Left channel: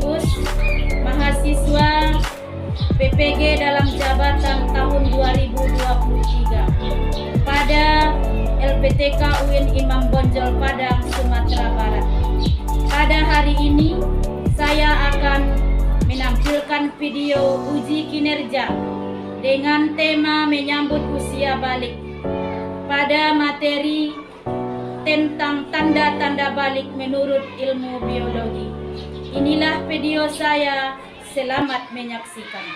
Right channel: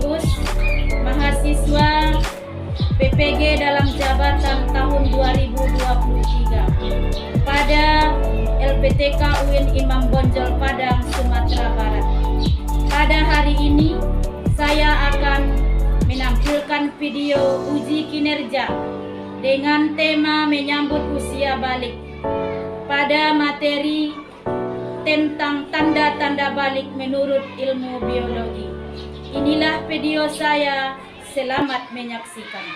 sekaligus mahasiswa PPG dalam jabatan tahun 2023 pada LPTK UIN Imam Bonjol Padang, Sumatera Barat. Pada hari ini saya akan menampilkan video uji kinerja dengan tema menyambut usia balik pada materi tentang tanda-tanda balik menurut ilmu biologi. Inilah video saya, selamat menyaksikan.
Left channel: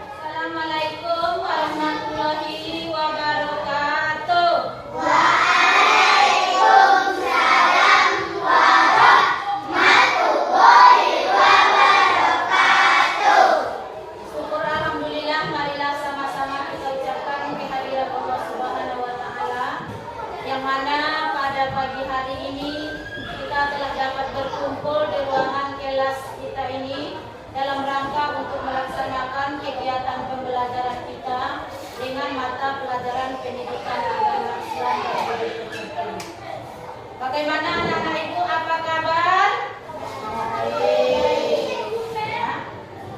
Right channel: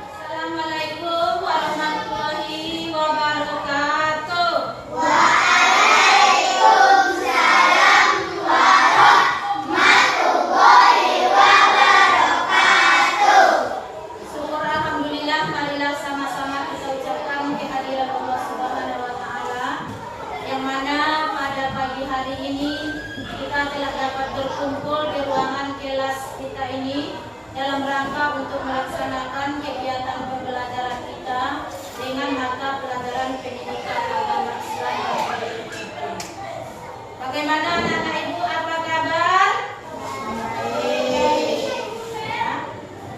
Assalamualaikum warahmatullahi wabarakatuh. Waalaikumsalam warahmatullahi wabarakatuh. Syukur alhamdulillah, marilah sama-sama kita ucapkan kehadiran Allah Subhanahu wa taala, yang mana pada pagi hari ini kita telah dapat berkumpul di ruangan kelas kita ini dalam rangka untuk melaksanakan kegiatan pembelajaran kita dengan mata pelajaran pendidikan agama Islam dan politik. Bagaimana anak-anak ibu, apa kabar?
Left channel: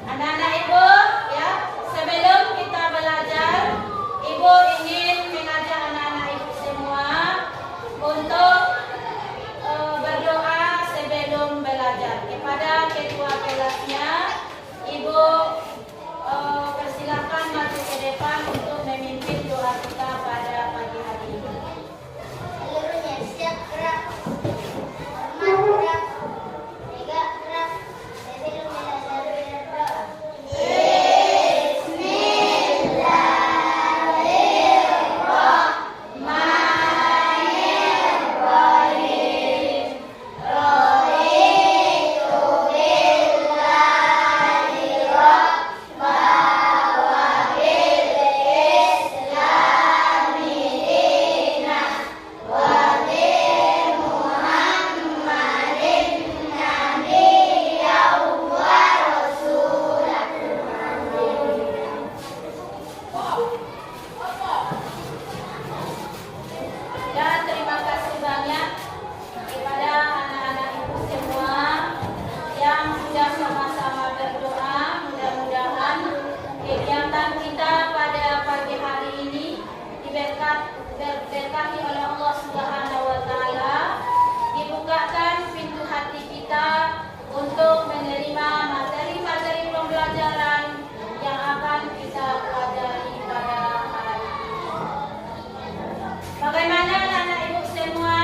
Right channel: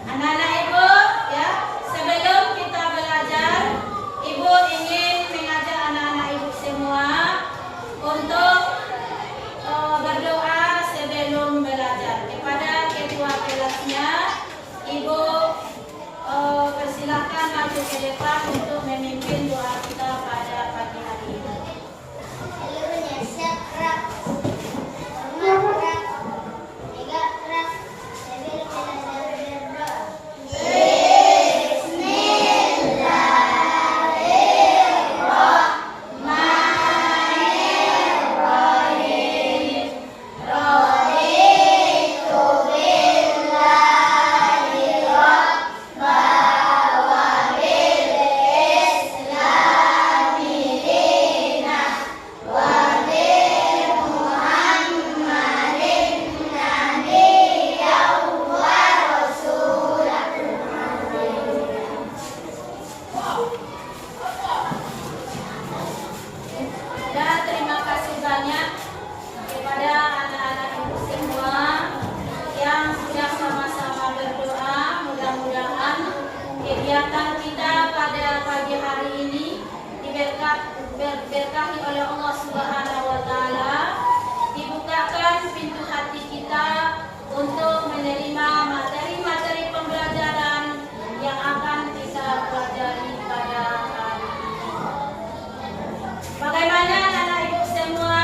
Anak-anak ibu, ya, sebelum kita belajar, ibu ingin mengajak anak-anak ibu semua untuk berdoa sebelum belajar. Kepada ketua kelasnya, ibu persilahkan maju ke depan untuk memimpin doa kita pada pagi hari ini. Seluruhnya siap gerak. Hormat gerak. Tegak gerak. Sambil belajar berdoa. Bismillahirrahmanirrahim. Raditu billahi rabba wa bil islami dinan wa bi Muhammadin nabiyyan wa rasulan. Dan terima kasih banyak kepada anak-anak ibu semua yang sudah sama-sama berdoa. Mudah-mudahan kegiatan kita pada pagi hari ini diberkahi oleh Allah Subhanahu wa taala, dibukakan pintu hati kita untuk menerima materi-materi pembelajaran yang akan kita pelajari pada hari ini. Bagaimana anak-anak ibu semua?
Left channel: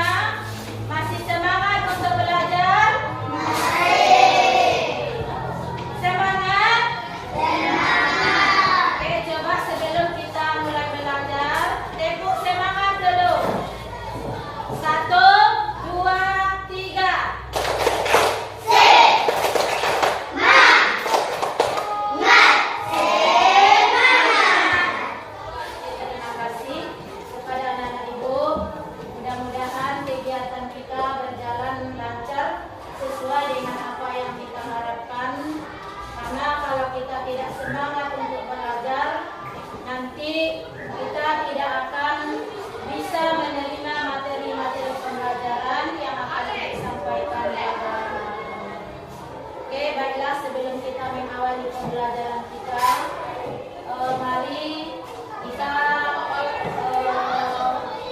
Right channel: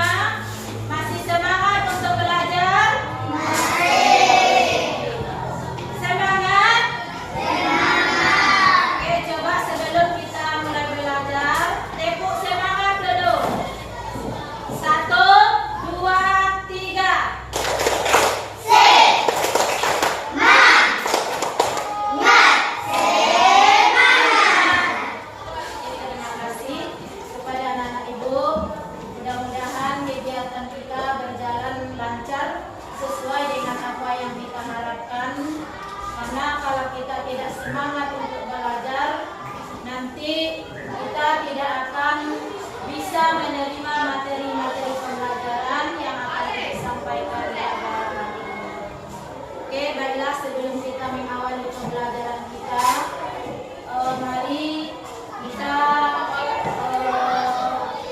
Masih semangat untuk belajar? Semangat? Oke, coba sebelum kita mulai belajar, tepuk semangat dulu. 1, 2, 3. Terima kasih kepada anak-anak ibu. Mudah-mudahan kegiatan kita berjalan lancar sesuai dengan apa yang kita harapkan. Karena kalau kita tidak semangat untuk belajar, nanti kita tidak akan bisa menerima materi-materi pembelajaran yang akan disampaikan pada hari ini. Oke, baiklah, sebelum kita mengawali pembelajaran kita, mari kita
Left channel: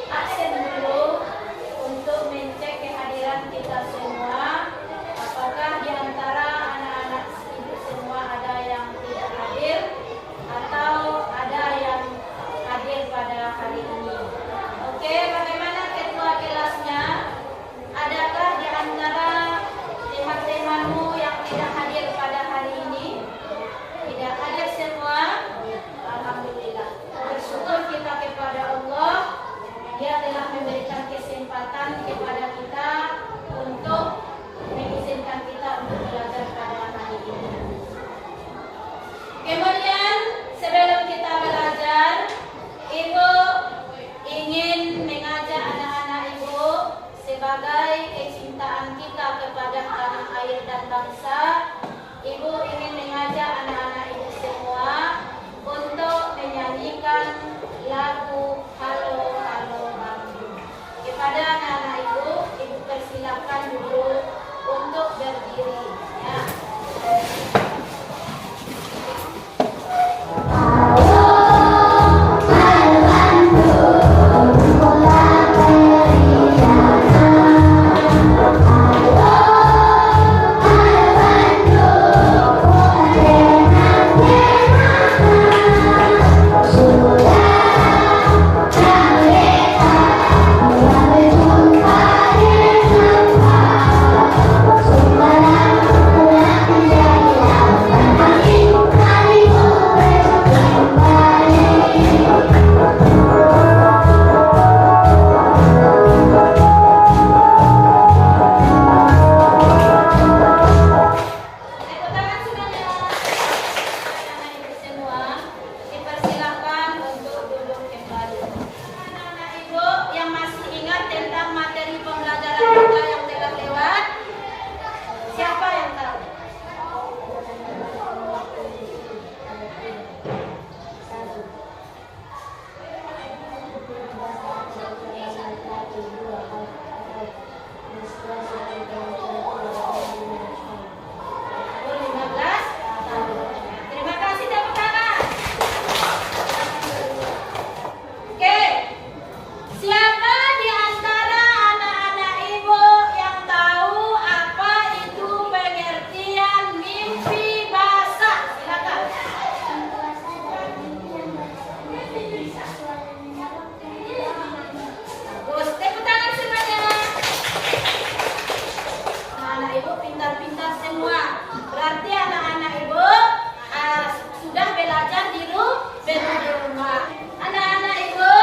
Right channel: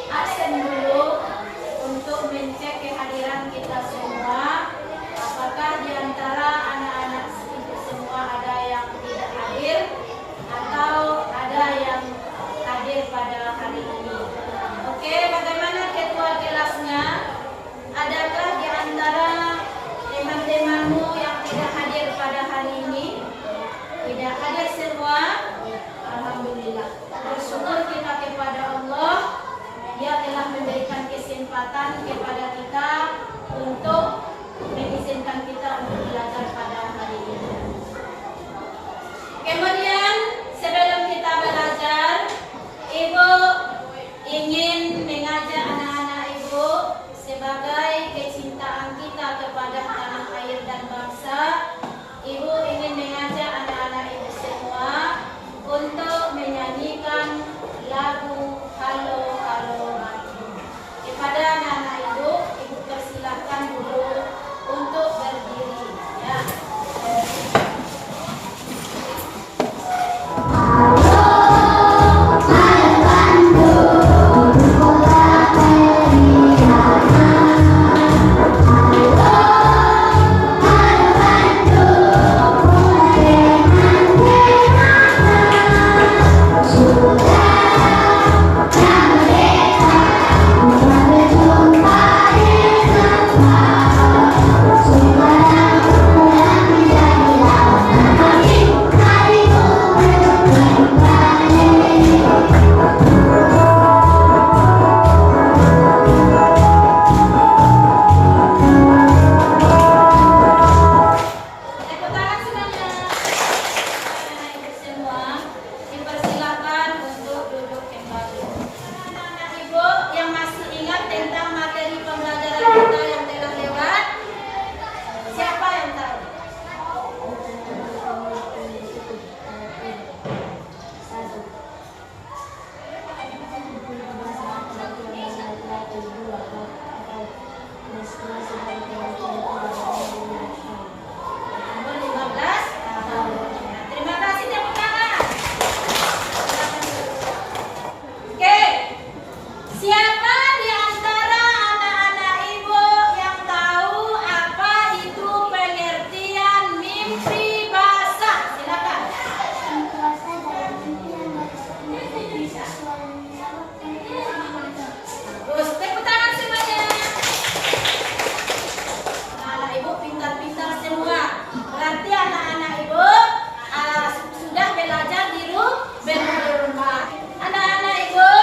absen dulu untuk mencek kehadiran kita semua. Apakah di antara anak-anak ibu semua ada yang tidak hadir atau ada yang hadir pada hari ini? Oke, bagaimana ketua kelasnya? Adakah di antara teman-temanmu yang tidak hadir pada hari ini? Tidak hadir semua? Alhamdulillah. Bersyukur kita kepada Allah, Dia telah memberikan kesempatan kepada kita untuk mengizinkan kita untuk belajar pada hari ini. Kemudian sebelum kita belajar, Ibu ingin mengajak anak-anak Ibu sebagai kecintaan kita kepada tanah air dan bangsa. Ibu ingin mengajak yang masih ingat tentang materi pembelajaran kita yang telah lewat? Siapa yang tahu? Terima kasih, tepuk tangan. Oke, siapa di antara anak-anak ibu yang tahu apa itu pengertian mimpi basah? Silakan. Terus tepuk tangan semuanya. Anak ibu pintar-pintar semua. Berarti anak-anak ibu sudah belajar di rumah. Anak-anak ibu,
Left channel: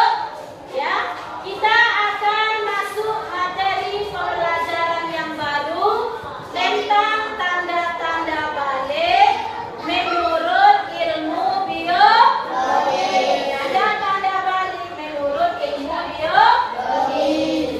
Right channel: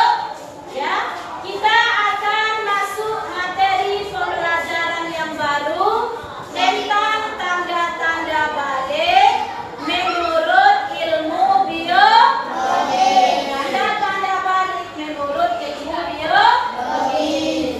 ya, kita akan masuk materi pembelajaran yang baru tentang tanda-tanda balik menurut ilmu biologi. Tanda-tanda balik menurut ilmu biologi.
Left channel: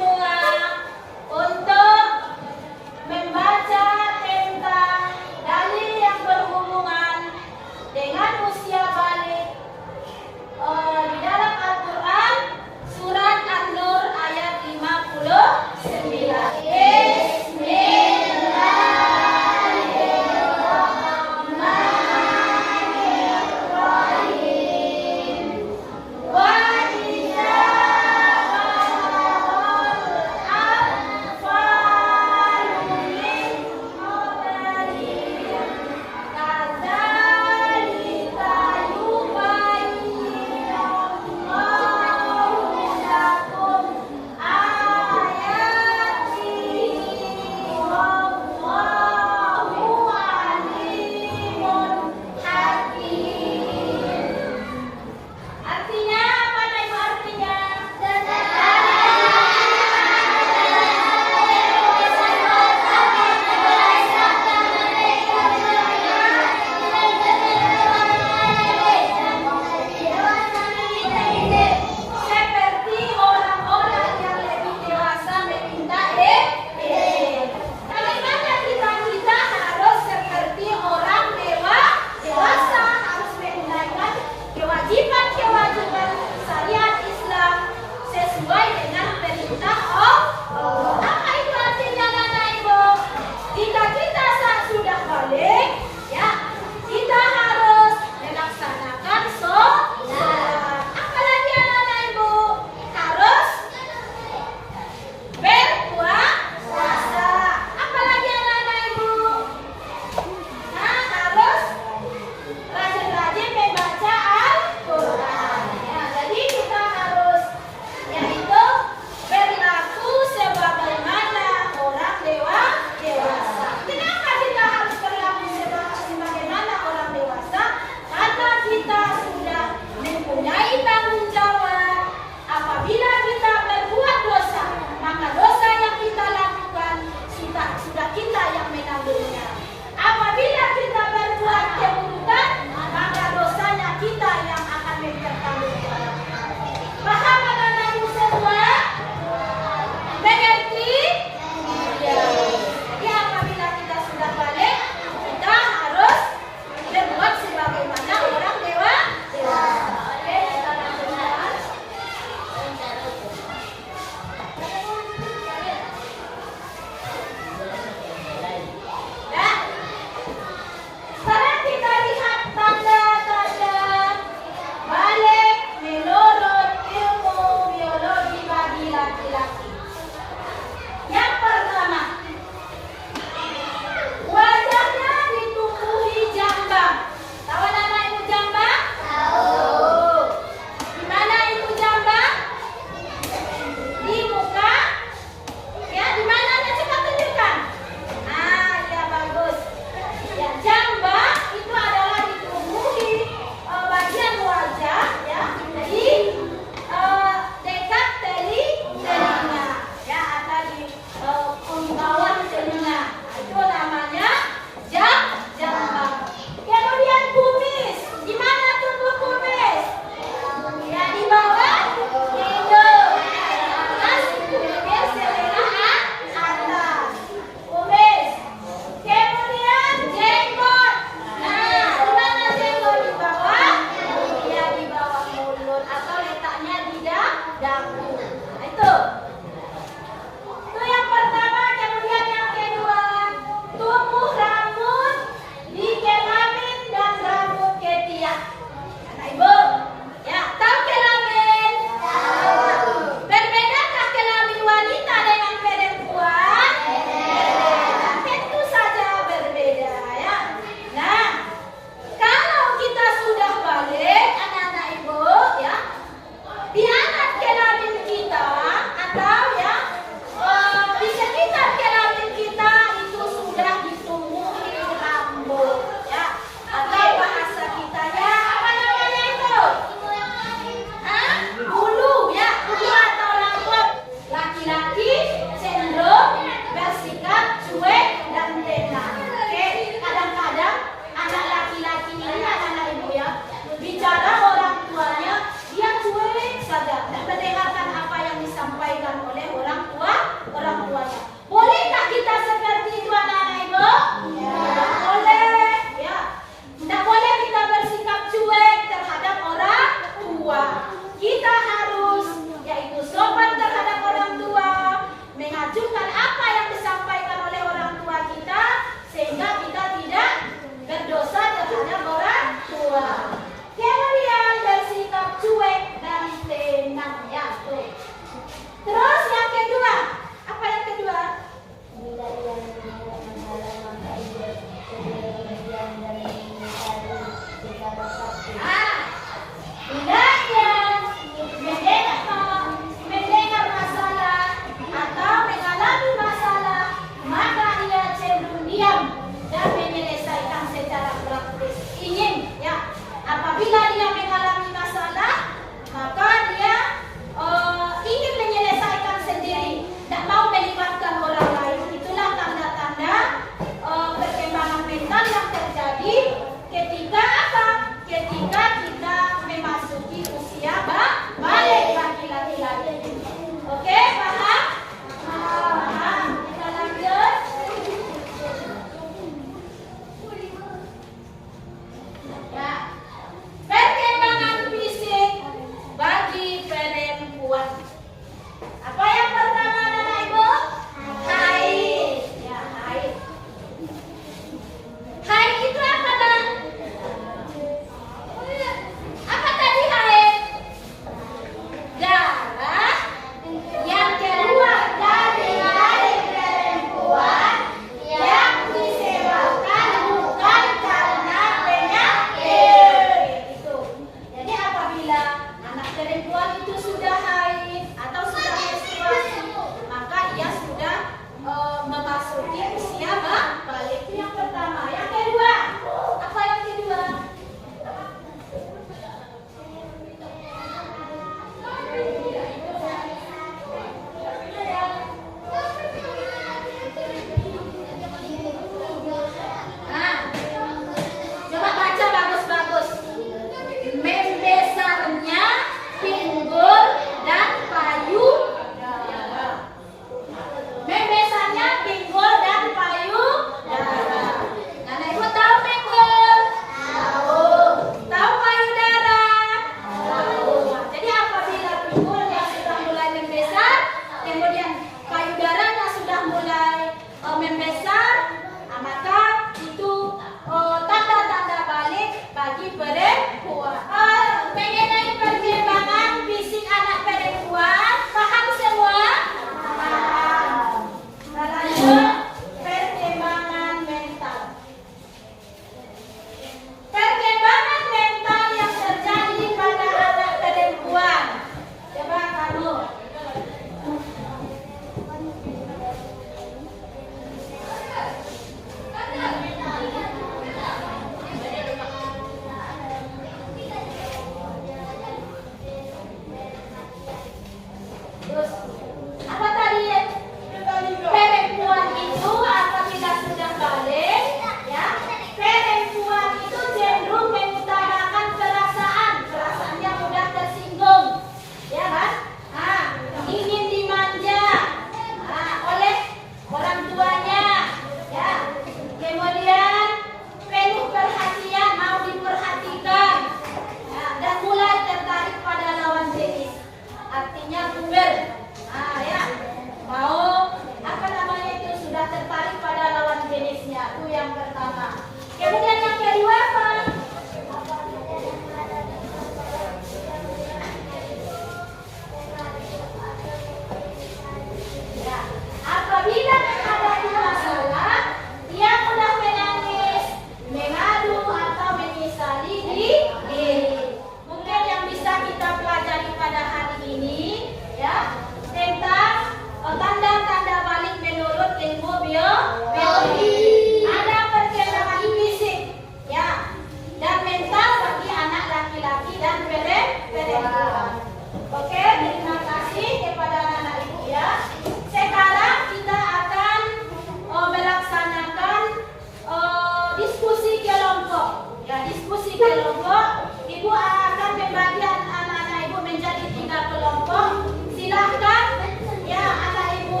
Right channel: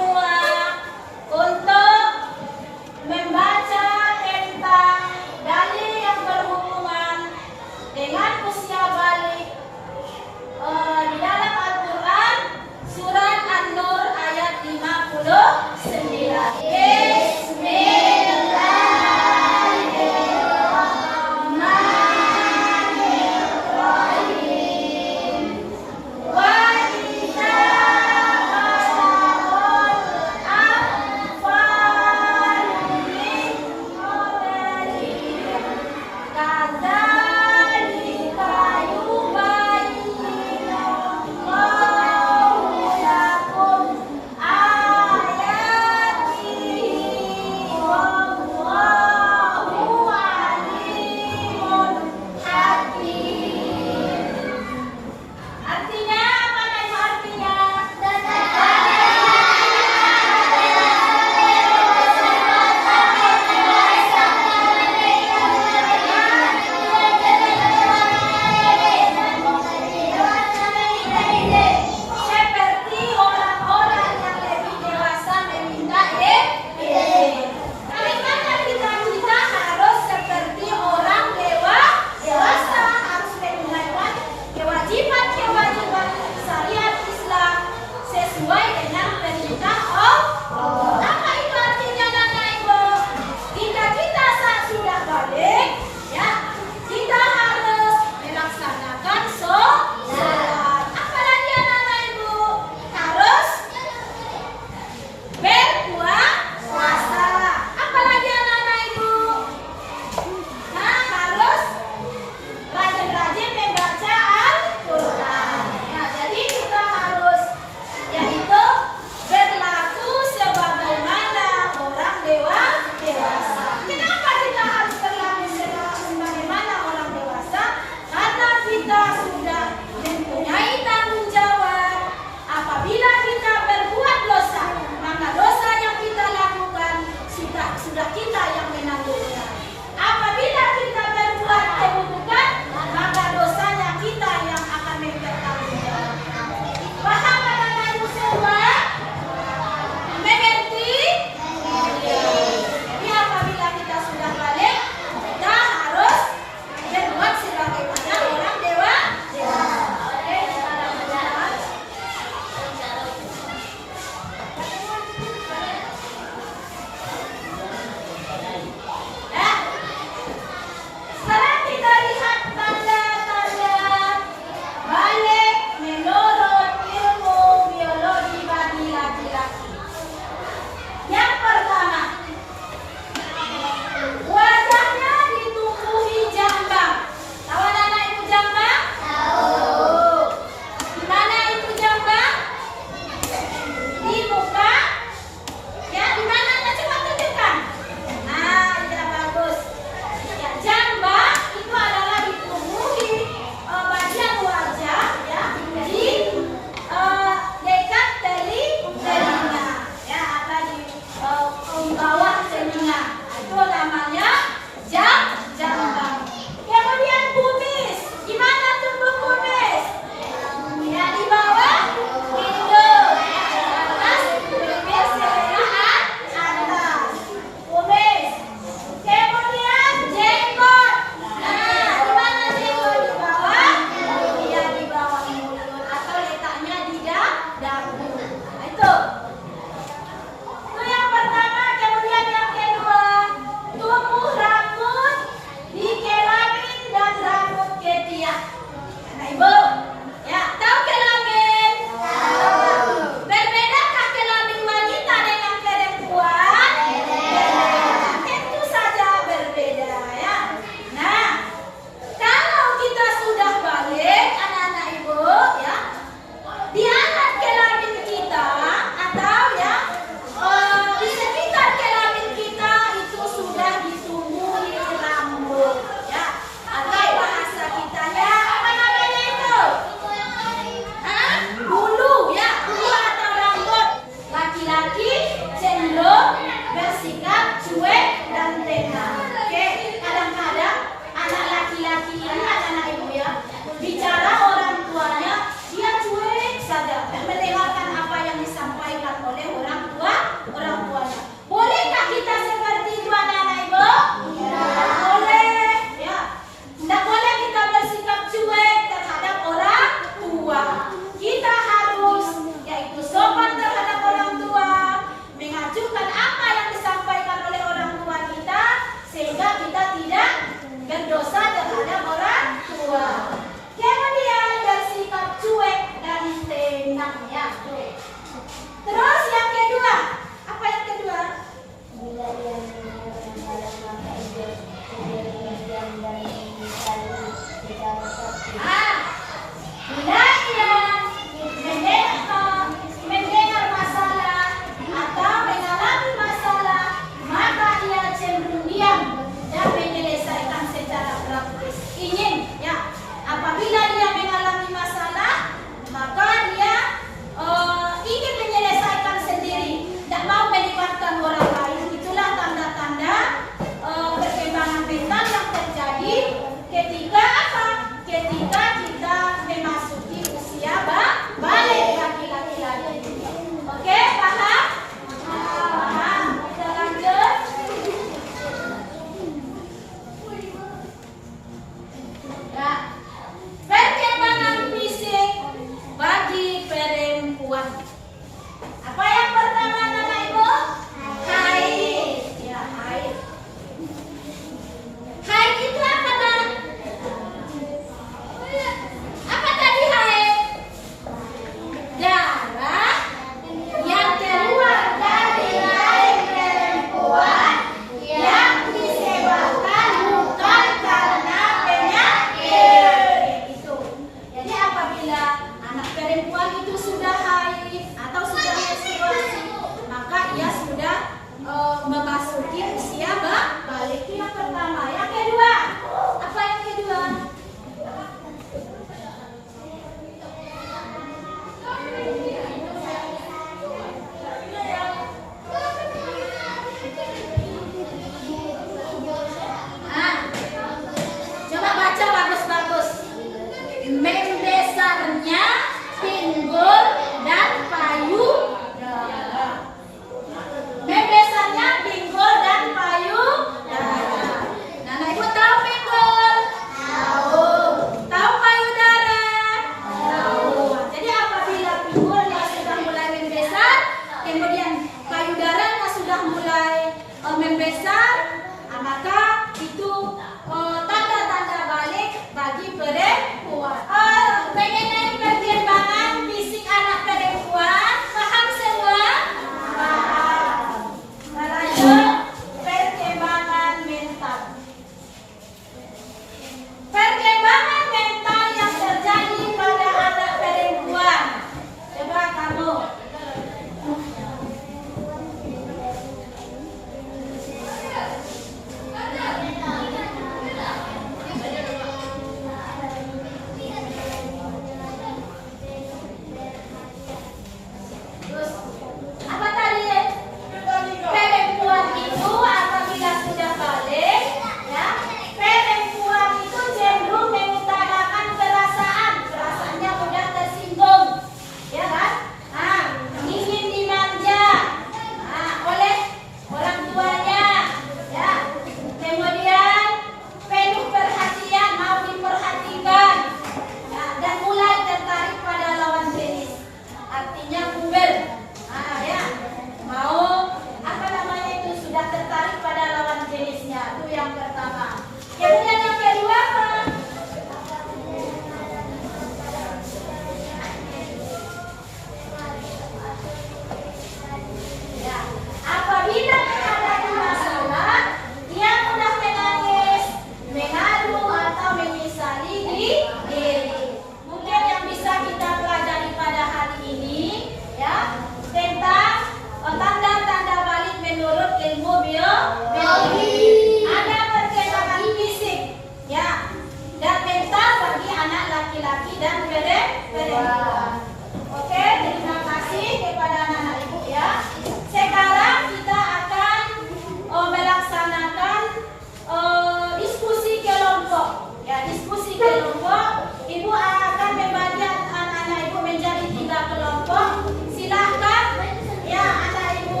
Ya, diskusi kelompok. Ibu akan membagi anak-anak ibu menjadi 3 kelompok. Silahkan ya anak ibu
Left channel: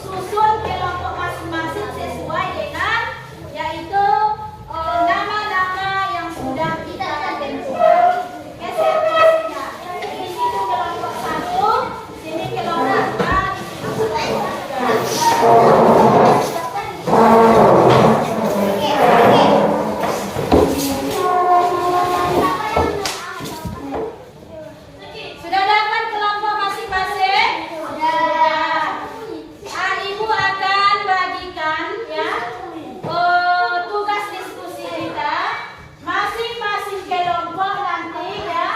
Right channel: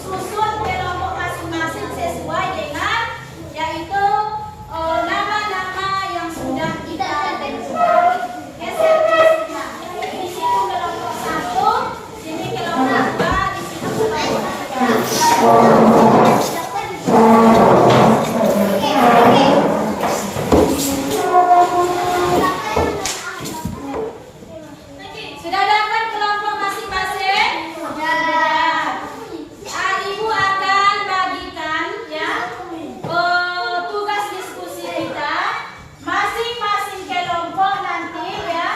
susun kelompok masing-masing sesuai dengan yaitu nama-nama yang sudah kita tentukan. Geser kelasnya. Di situ kelompok 1, sini kelompok 2, di situ kelompok 3. Sudah dapat kelompok masing-masing? Ibu akan bagikan ya tugas diskusi kita. Masing-masing kelompok nanti ya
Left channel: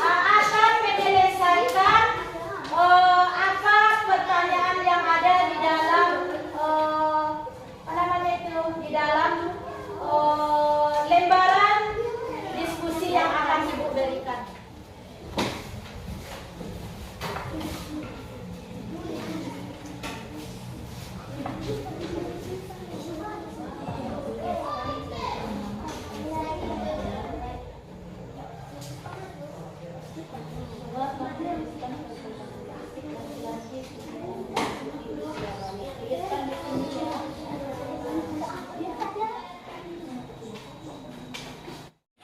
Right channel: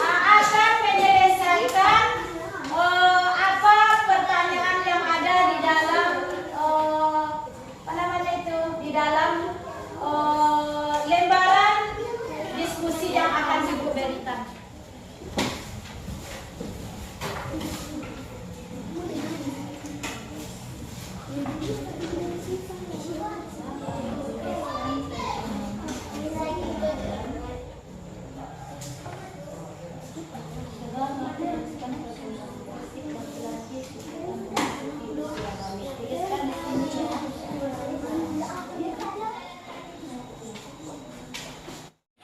akan menyelesaikan apa pertanyaan yang ada di dalam apa namanya itu di dalam lembaran diskusi yang akan ibu berikan.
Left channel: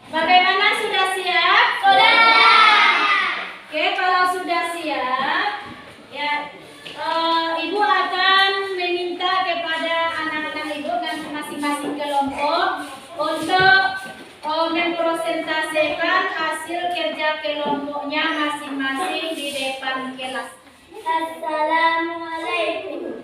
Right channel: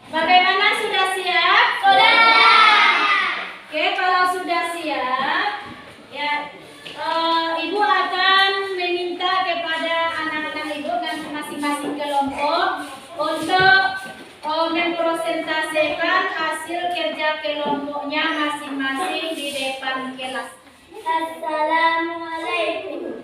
Bagaimana, sudah siap? Sudah. Oke, kalau sudah siap, ya ibu akan meminta kepada anak-anak ibu dan masing-masing kelompok untuk mempresentasikan hasil kerja kelompoknya masing-masing di depan kelas. Assalamualaikum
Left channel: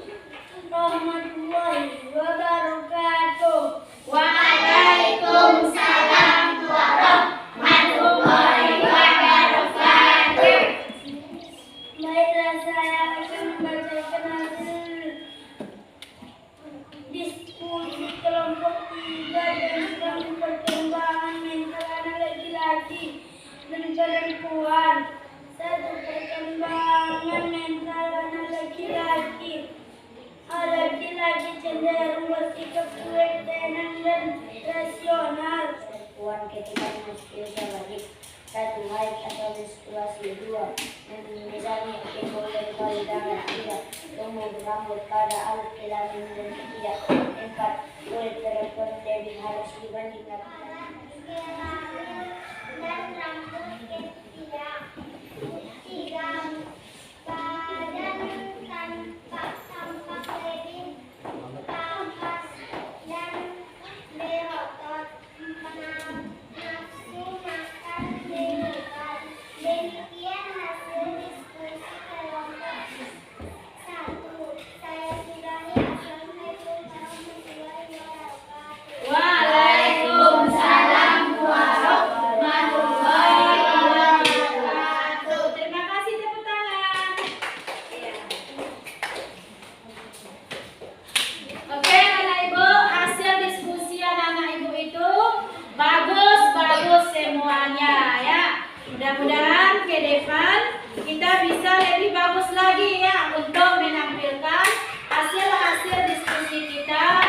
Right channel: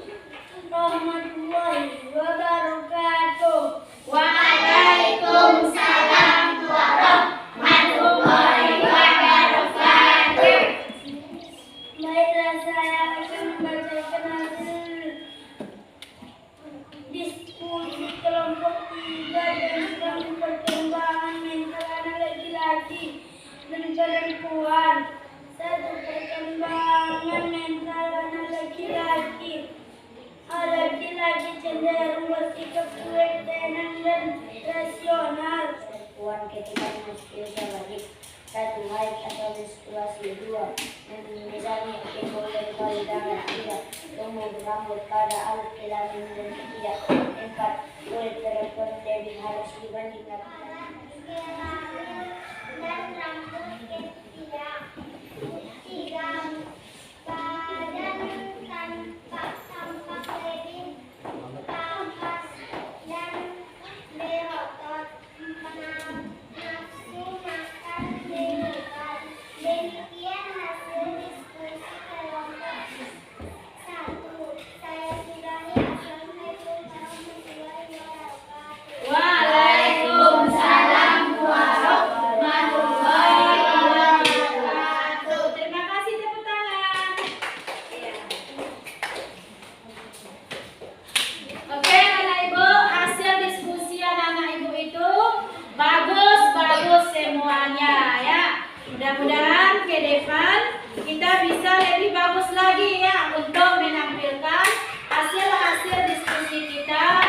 warahmatullahi wabarakatuh. Waalaikumsalam warahmatullahi wabarakatuh. Baiklah, saya akan membacakan hasil diskusi kelompok 3 tentang perkembangan mental anak laki-laki dan perempuan. 1. Perkembangan mental anak laki-laki. Laki-laki cenderung bersikap cuek, tenang, dan rasional. Perempuan ketika memasuki usia balik. 1. Haid atau menstruasi. 2. Misalnya timbul dari payudara. 3. Tumbuh rambut pada alat kelamin dan ketiak. 4. Kulit perempuan lebih halus dibanding laki-laki. Dan rambut ketiak. 3. Badan tampak lebih tampas dan berotot. 6. Nafsu makan meningkat. Demikian hasil diskusi kelompok 1. Saya sudahi. Assalamualaikum warahmatullahi wabarakatuh. Waalaikumsalam warahmatullahi wabarakatuh. Terima kasih, tepuk tangan. Ya. Oke, anak ibu, hasil diskusi anak-anak ibu itu bagus semuanya ya. Mudah-mudahan ke depan kita bisa lebih bagus lagi ya untuk menampilkan hasil-hasil diskusi kita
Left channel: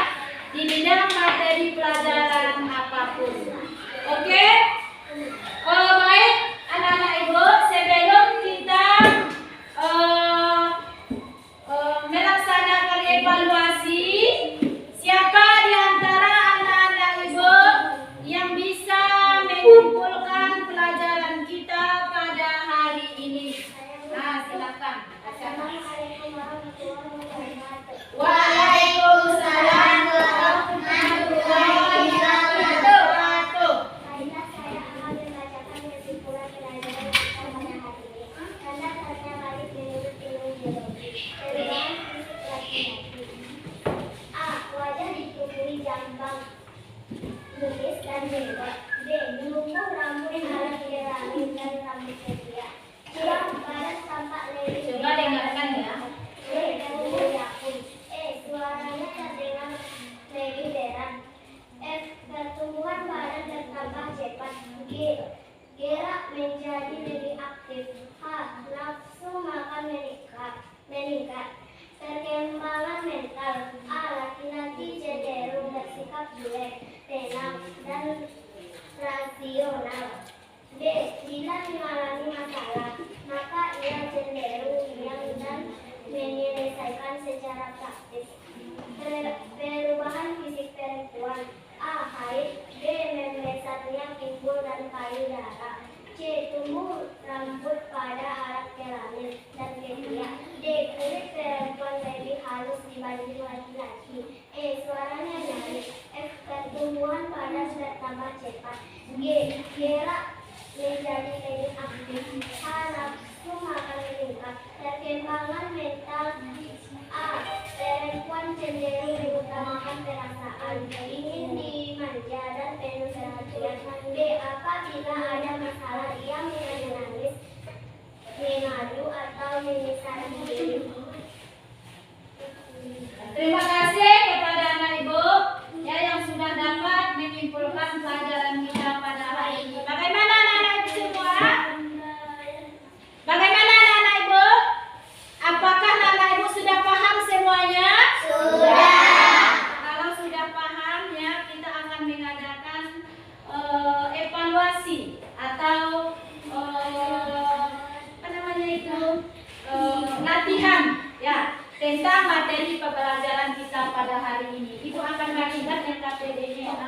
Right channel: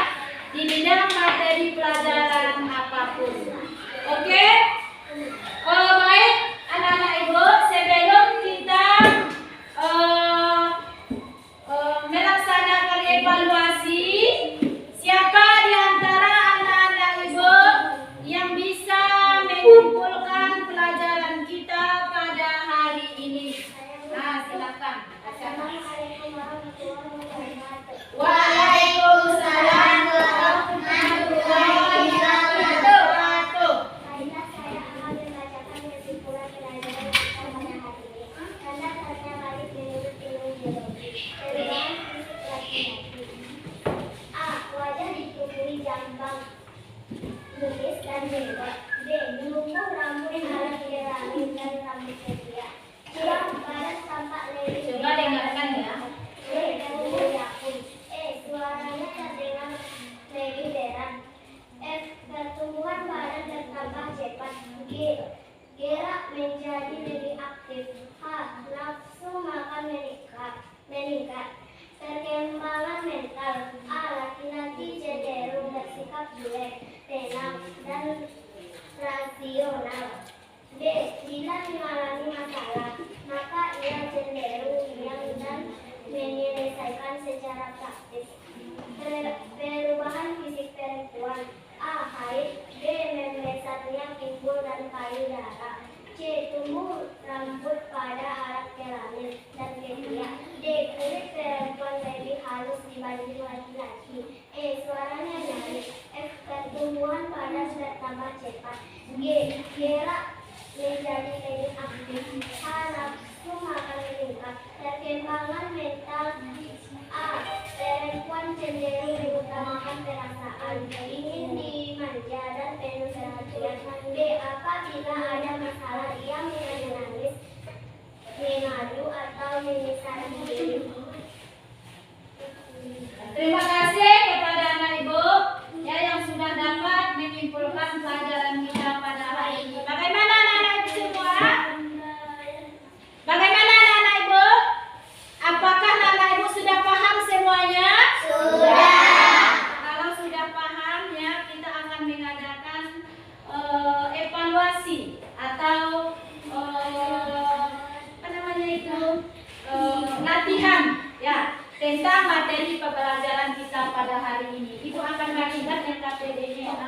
di bidang materi pelajaran apapun. Oke? Baik, anak-anak ibu, sebelum kita melaksanakan evaluasi, siapa di antara anak-anak ibu yang bisa menyimpulkan pelajaran kita pada hari ini? Nah, silakan. Assalamualaikum warahmatullahi wabarakatuh. Waalaikumsalam warahmatullahi wabarakatuh. Baiklah, saya akan membacakan kesimpulan pelajaran kita pada hari ini. Tanda-tanda balik menurut ilmu biologi. Perubahan fisik laki-laki. A. Wajah ditutupi jambang, belis dan jenggot. B. Menumbuh rambut ala kelamin dan rambut ketiak. 2. Badan tampak lebih. Coba dengarkan ya. B. Tumbuh yakun. E. Suaranya terdengar lebih berat. F. Pertumbuhan badan bertambah cepat. G. Gerak menjadi lebih aktif. H. Nafsu makan meningkat. Perkembangan mental. A. Laki-laki cenderung bersikap cuek, tenang, dan Anda sudah tambah cepat. G. Gerak menjadi lebih aktif. H. Nafsu makan meningkat. Perkembangan mental. A. Perempuan cenderung mengutamakan perasaan, ingin dimanja dan penuh perhatian. B. Apabila ada masalah, ia menangis, mengadu atau menyesal diri. Terima kasih kepada anak ibu ya yang sudah dapat menyimpulkan pelajaran kita pada hari ini. Bagaimana anak-anak ibu semua? Bagaimana anak-anak ibu? Apakah anak ibu sudah paham semuanya? Sudah. Kalau sudah paham ya, kita akan mengadakan evaluasi atau apa namanya itu latihan ya tentang materi pembelajaran kita pada hari ini. Ibu akan melihat LKPD-nya ya.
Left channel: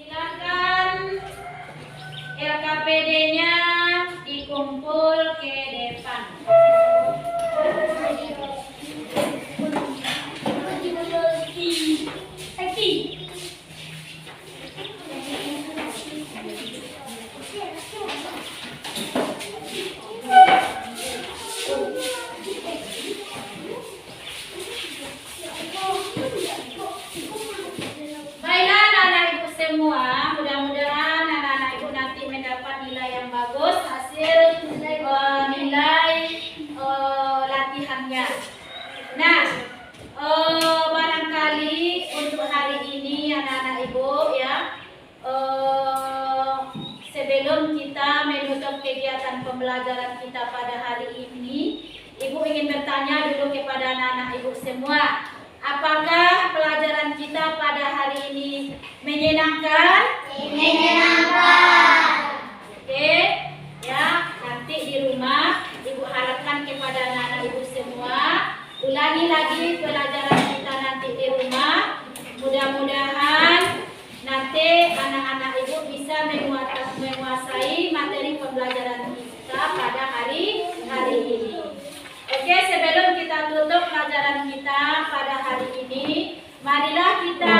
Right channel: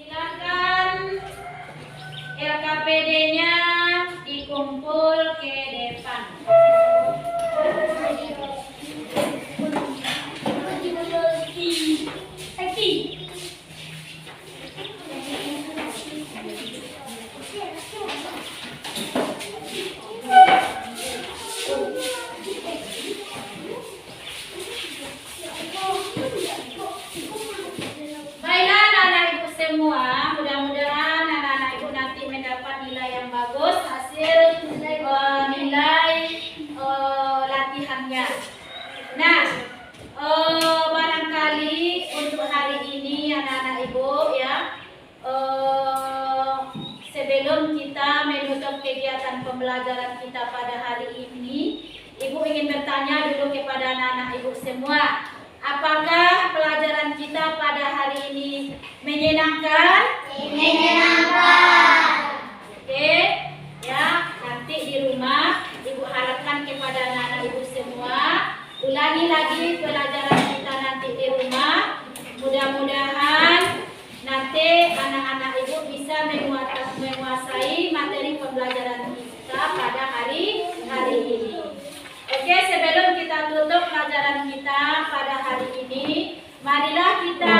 Silakan LKPD-nya dikumpul ke depan. Baiklah anak-anak ibu semua, mudah-mudahan anak-anak ibu nanti mendapat nilai yang bagus hasil nilai latihannya. Nah, barangkali untuk hari ini anak-anak ibu ya, sebelum kita menutup kegiatan pembelajaran kita pada hari ini, ibu ingin bertanya dulu kepada anak-anak ibu semua. Apakah pelajaran kita pada hari ini menyenangkan? Menyenangkan. Oke, ya nanti di rumah ibu harapkan kepada anak-anak ibu semua ulangi lagi pelajaran kita nanti di rumah. Mudah-mudahan nanti anak-anak ibu bisa menguasai materi pembelajaran kita pada hari ini. Oke, sebelum kita tutup pelajaran kita pada hari ini, marilah kita